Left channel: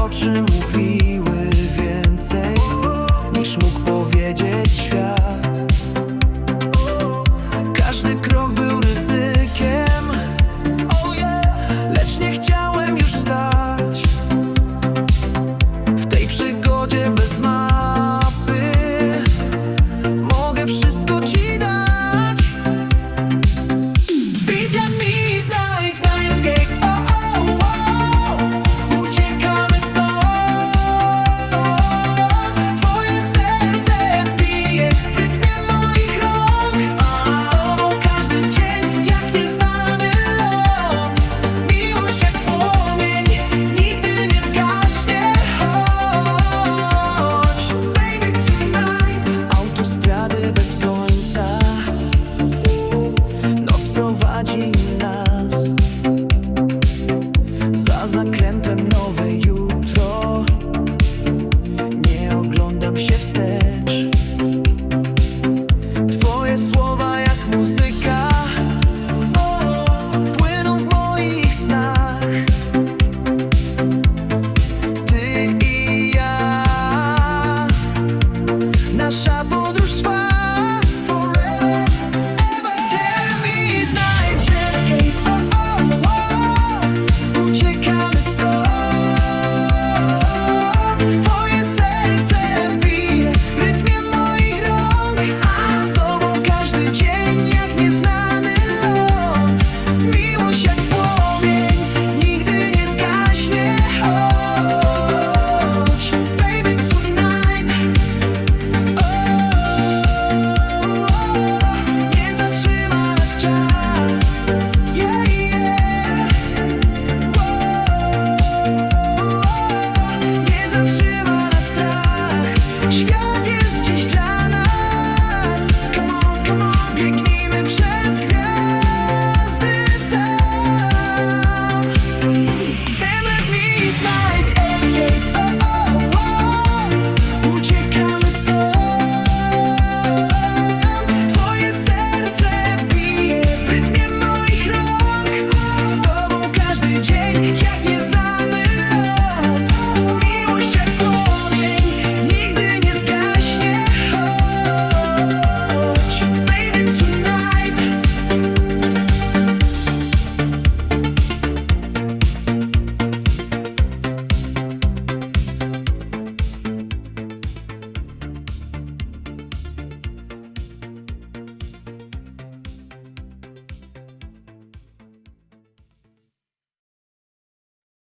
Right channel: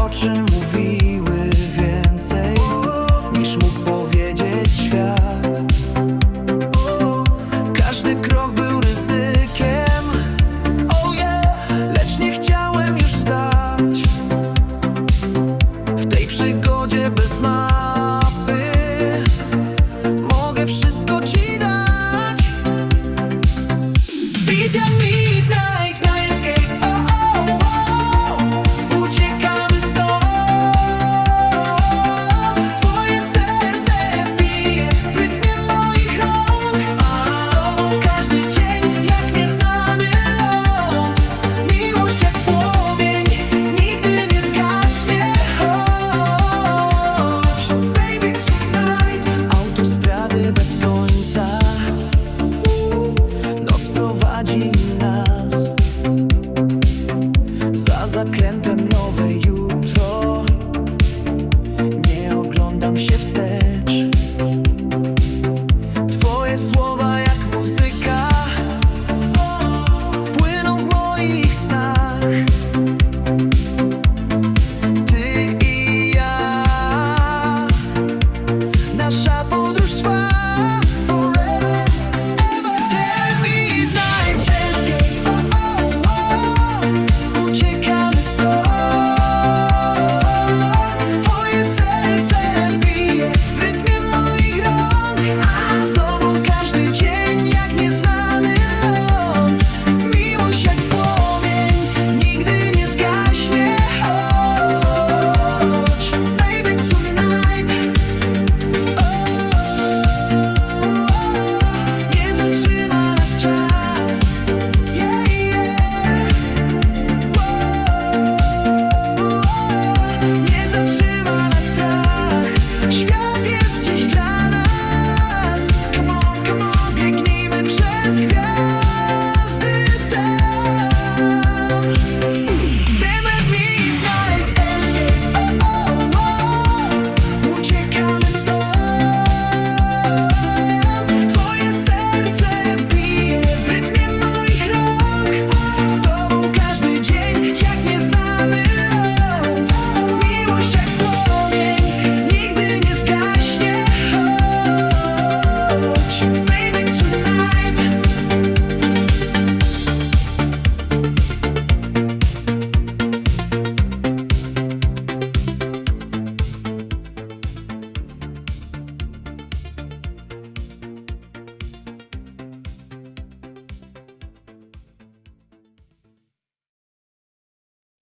oczy mówiły. bez końca. Noc prowadzi nas Za zakrętem nowe jutro. Nie oglądam się wstecz.